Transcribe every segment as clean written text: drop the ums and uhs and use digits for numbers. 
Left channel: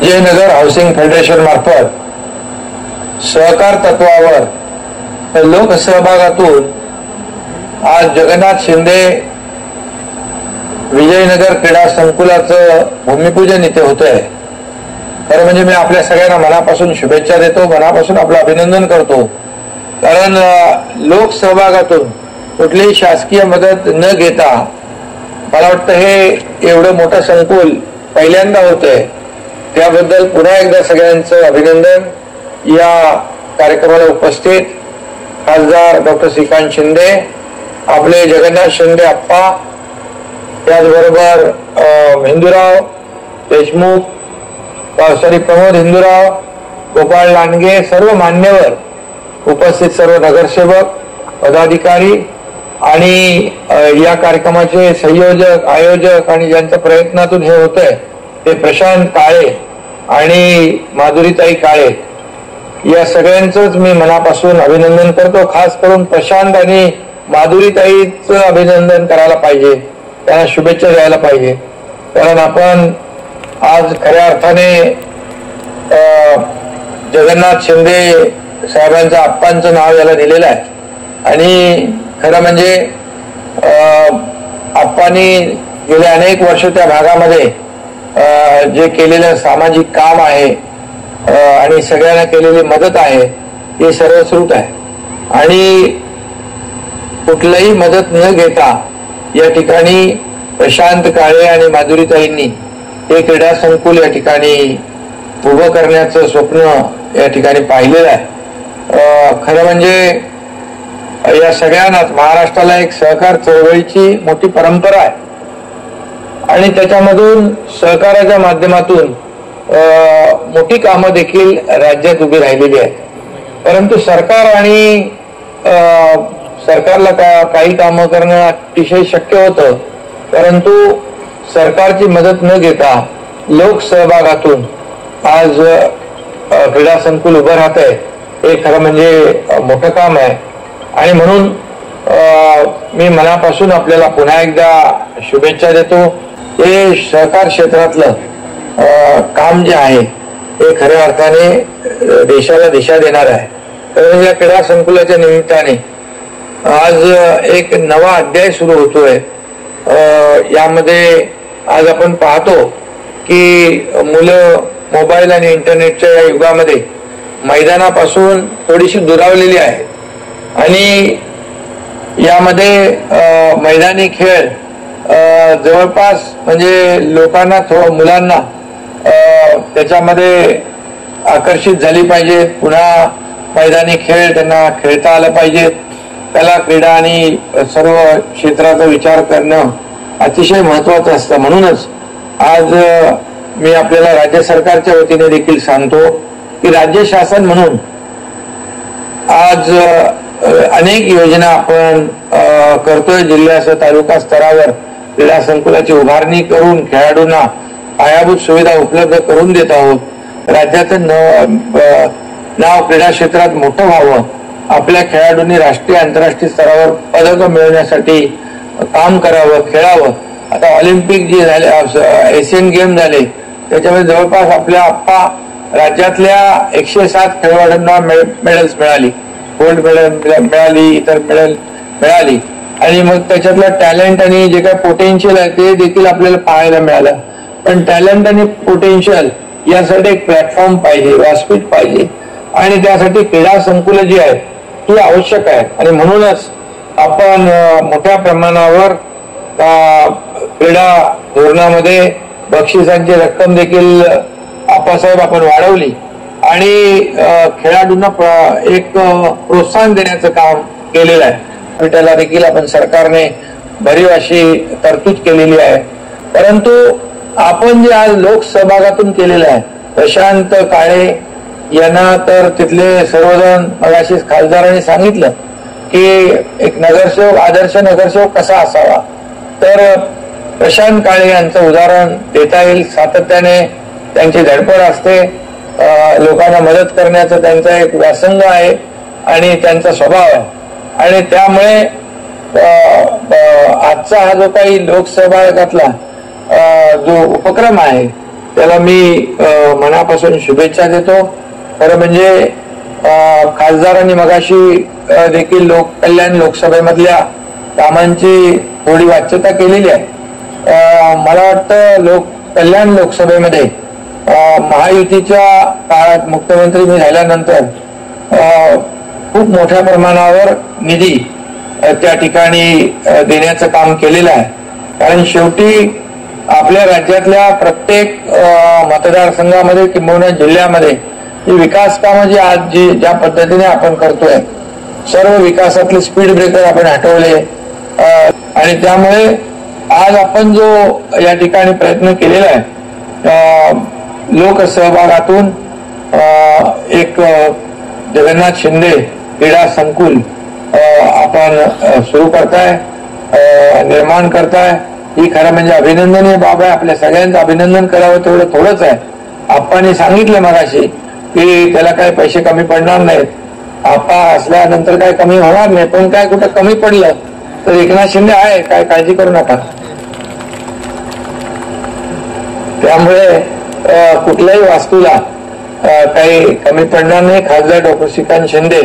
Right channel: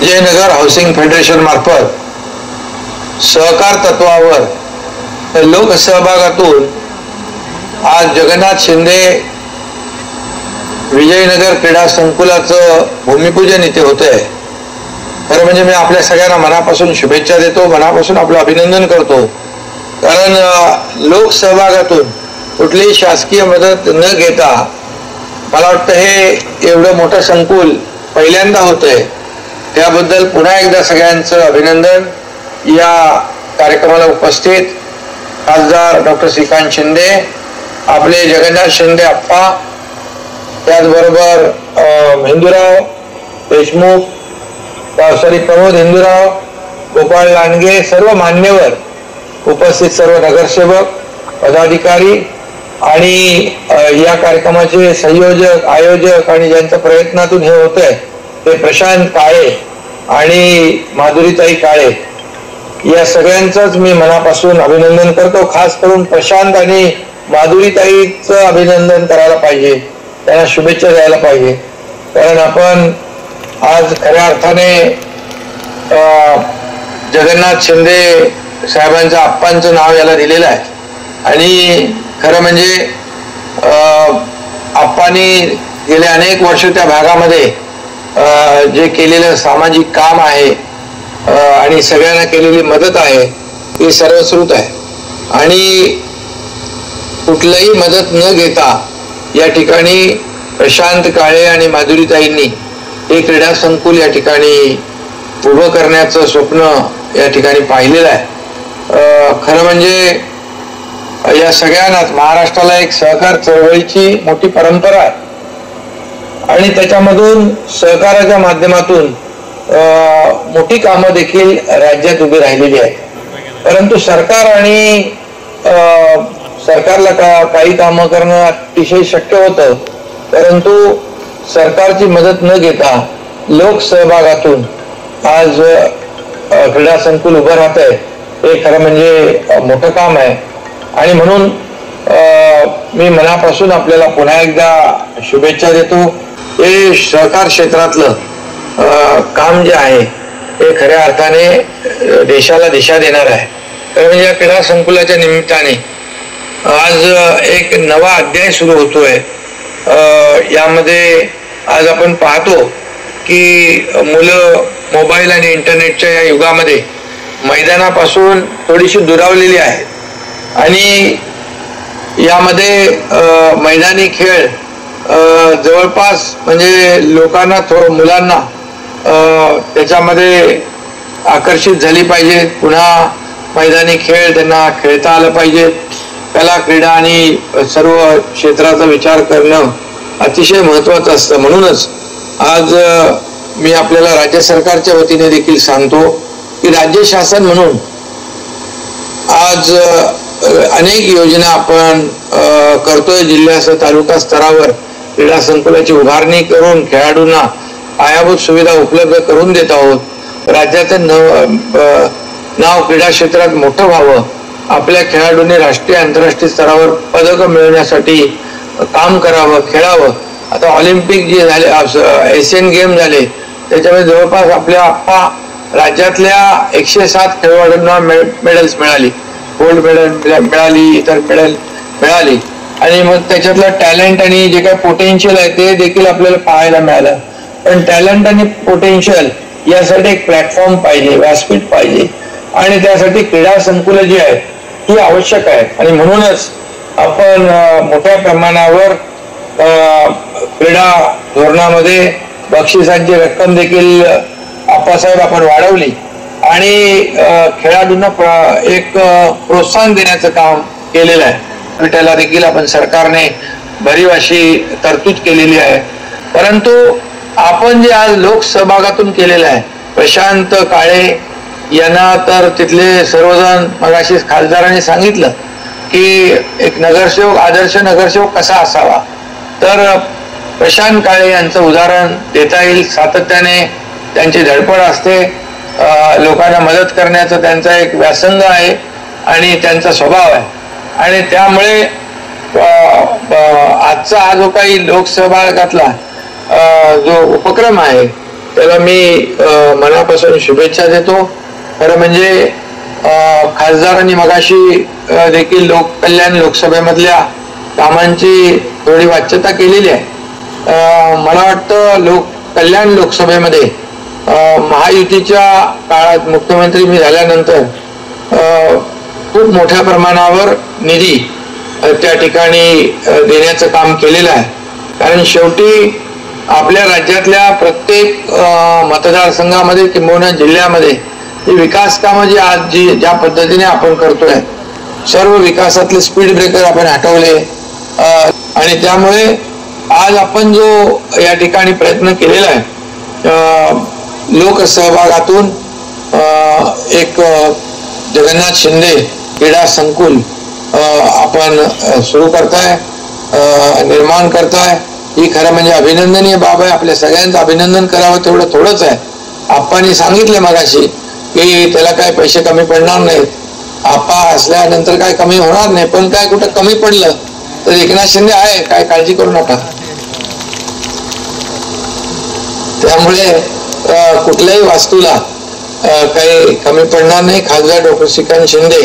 Jaynagar housing federation मार्फत सहकार तत्वावर लोकसहभागातून आज जगन्नाथ शिंदे विजयनगर क्रीडा संकुलाचं भूमिपूजन इथे होतंय। खरं म्हणजे मी आपल्या सगळ्यांना मनापासून शुभेच्छा देतो, मनापासून आपलं अभिनंदन करतो। कारण लोकसहभागातून कुठलीही शासकीय मदत न घेता मला वाटतं हे एवढं मोठं संकुल पहिल्यांदा होतंय। त्याबद्दल पुन्हा एकदा सगळ्यांचं अभिनंदन। या कार्यक्रमाला उपस्थित खासदार डॉक्टर श्रीकांत शिंदे, आपले जगन्नाथ शिंदे अप्पा, त्याचबरोबर हिंदूराव देशमुख, प्रमोद हिंदूराव, गोपाळ लांडगे, सर्व मान्यवर उपस्थित, सर्व नगरसेवक, पदाधिकारी आणि या कार्यक्रमाचे संयोजक, आयोजक आणि ज्यांच्या प्रयत्नातून हे होतंय ते प्रशांत काळे आणि माधुरीताई काळे, या सगळ्यांचंच मी मनापासून अभिनंदन करतो। खास करून प्रशांत आणि माधुरीताईचं अभिनंदन करायला पाहिजे, त्यांना शुभेच्छा द्यायला पाहिजे। कारण आपण आज खऱ्या अर्थाने जगन्नाथ शिंदे साहेबांच्या आप्पांचं नाव याला दिलेलं आहे आणि खरं म्हणजे आप्पांनी गेले अनेक वर्ष त्या भागामध्ये जे केलेलं सामाजिक काम आहे आणि सगळ्यांना केलेली मदत आहे ती सर्वश्रुत आहे आणि कुठलीही मदत न घेता या ठिकाणी प्रशांत काळे आणि माधुरीताईंनी हे क्रीडा संकुल या ठिकाणी उभं करण्याचं स्वप्न या ठिकाणी पाहिलेलं आहे। खरं म्हणजे या सगळ्यांनाच महाराष्ट्राला एक सहकार चळवळीची मोठी परंपरा आहे आणि त्याच्यामधून सहकाराच्या माध्यमातून मोठी कामं देखील राज्यात उभी राहिलेली आहेत। परंतु सरकार आणि सरकारला काही कामं करणं अतिशय शक्य होतं, परंतु सरकारची मदत न घेता लोकसहभागातून आज क्रीडा संकुल उभं राहतंय हे खरं म्हणजे मोठं काम आहे आणि म्हणून मी मनापासून आपल्याला पुन्हा एकदा शुभेच्छा देतो। हे सहकार क्षेत्रातलं काम जे आहे हे खऱ्या अर्थाने देशाला दिशा देणार आहे। कारण या क्रीडा संकुलाच्या निमित्ताने आज एक नवा अध्याय सुरू होतोय। यामध्ये आज आपण पाहतो की मुलं मोबाईल आणि इंटरनेटच्या या युगामध्ये मैदानापासून थोडीशी दुरावलेली आहेत आणि यामध्ये मैदानी खेळ जवळपास म्हणजे लोकांना मुलांना त्याच्यामध्ये आकर्षित झाली पाहिजे। पुन्हा मैदानी खेळ त्यांना खेळता आलं पाहिजे। कला, क्रीडा आणि सर्व क्षेत्राचा विचार करणं अतिशय महत्वाचं असतं। म्हणूनच आज मी आपल्याला राज्य सरकारच्या वतीने देखील सांगतो की राज्य शासन म्हणून आज अनेक योजना आपण करतोय। जिल्ह्यासह तालुका स्तरावर क्रीडा संकुलाची उभारणी करून खेळाडूंना पायाभूत सुविधा उपलब्ध करून देत आहोत। राज्याचं नाव क्रीडा क्षेत्रात मोठं व्हावं, आपल्या खेळाडूंनी राष्ट्रीय आंतरराष्ट्रीय स्तरावर पदक मिळवण्यासाठी काम करावं, खेळावं। आता ऑलिम्पिक जे झाले, एशियन गेम झाले, त्याच्यामध्ये जवळपास आपल्या आप्पा राज्यातल्या 107 खेळाडूंना मेडल्स मिळाली, गोल्ड मेडल मिळाली, इतर मेडल मिळाली आणि मग त्याच्यातलं टॅलेंट आणि जे काही पोटेन्शियल आहे ते देखील आपल्याला पाहायला मिळालं। पण टॅलेंट आणि पोटेन्शियल यासाठी एक प्लॅटफॉर्म पाहिजे, व्यासपीठ पाहिजे आणि त्यासाठी क्रीडा संकुलं जी आहेत ही आवश्यक आहे आणि म्हणूनच आपण मोठ्या प्रमाणावर क्रीडा धोरणामध्ये बक्षिसांची रक्कम देखील आप्पासाहेब आपण वाढवली आणि खेळाडूंना एक प्रोत्साहन देण्याचं काम केलेलं आहे। त्याला देखील आपण सरकारने भरीव अशी तरतूद केलेली आहे। परंतु आपण जे आज लोकसहभागातून केलेलं आहे, प्रशांत काळे यांना तर तिथले सर्वजण मगाशी खासदारांनी सांगितलं की एक नगरसेवक, आदर्श नगरसेवक कसा असावा, तर प्रशांत काळे यांचं उदाहरण देता येईल। सातत्याने त्यांची धडपड असते, लोकांना मदत करण्याचं त्यांचा एक व्यासंग आहे आणि त्यांचा स्वभाव आहे आणि त्यामुळे आजचा हा जो काही लोकसहभागातला जो उपक्रम आहे त्याला मी मनापासून शुभेच्छा देतो. खरं म्हणजे खासदारांनी मगाशी देखील लोककल्याण लोकसभेमधल्या कामांची थोडी वाच्यता केलेली आहे. मला वाटतं लोककल्याण लोकसभेमध्ये महायुतीच्या काळात मुख्यमंत्री मी झाल्यानंतर खूप मोठ्या प्रमाणावर निधी त्या ठिकाणी देण्याचं काम केलेलं आहे. कारण शेवटी आपल्या राज्यातल्या प्रत्येक मतदारसंघामध्ये किंवा जिल्ह्यामध्ये ही विकास कामं जी आज ज्या पद्धतीने आपण करतोय, सर्व विकासातले स्पीड ब्रेकर आपण हटवले आणि त्यामुळे आज आपण जो या ठिकाणी प्रयत्न केलेला आहे लोकसहभागातून एक जगन्नाथ शिंदे क्रीडा संकुल आपण सुरू करताय, निर्माण करताय, ही खरं म्हणजे अभिनंदनीय बाब आहे. आपल्या सगळ्यांचं अभिनंदन करावं तेवढं थोडंच आहे. आप्पांनी सांगितलं मगाशी की त्याला काय पैसे कमी पडणार नाहीत, आप्पा असल्यानंतर काय कमी होणार नाही, पण काय कुठं कमी पडलं तर एकनाथ शिंदे आहे, काय काळजी करू नका. त्यामुळे कुठल्याही वास्तूला काही कमी पडणार नाही. खासदार डॉक्टर श्रीकांत शिंदे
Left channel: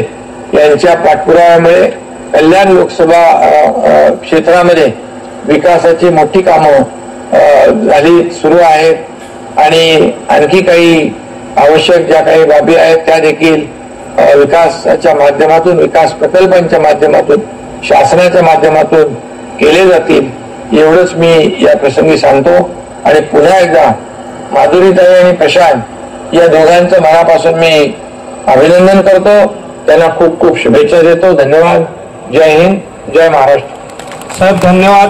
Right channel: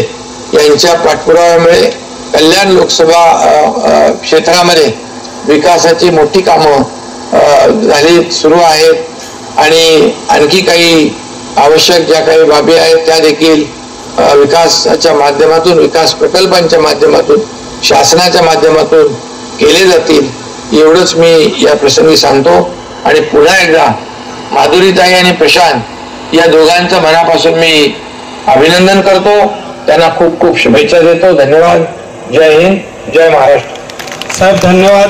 यांच्या पाठपुराव्यामुळे कल्याण लोकसभा क्षेत्रामध्ये विकासाची मोठी कामं झाली सुरू आहेत आणि आणखी काही आवश्यक ज्या काही बाबी आहेत त्या देखील विकासाच्या माध्यमातून, विकास प्रकल्पांच्या माध्यमातून, शासनाच्या माध्यमातून केले जातील, एवढंच मी या प्रसंगी सांगतो. आणि पुन्हा एकदा माधुरीताई आणि प्रशांत या दोघांचं मनापासून मी अभिनंदन करतो, त्यांना खूप खूप शुभेच्छा देतो. धन्यवाद. जय हिंद, जय महाराष्ट्र. साहेब धन्यवाद.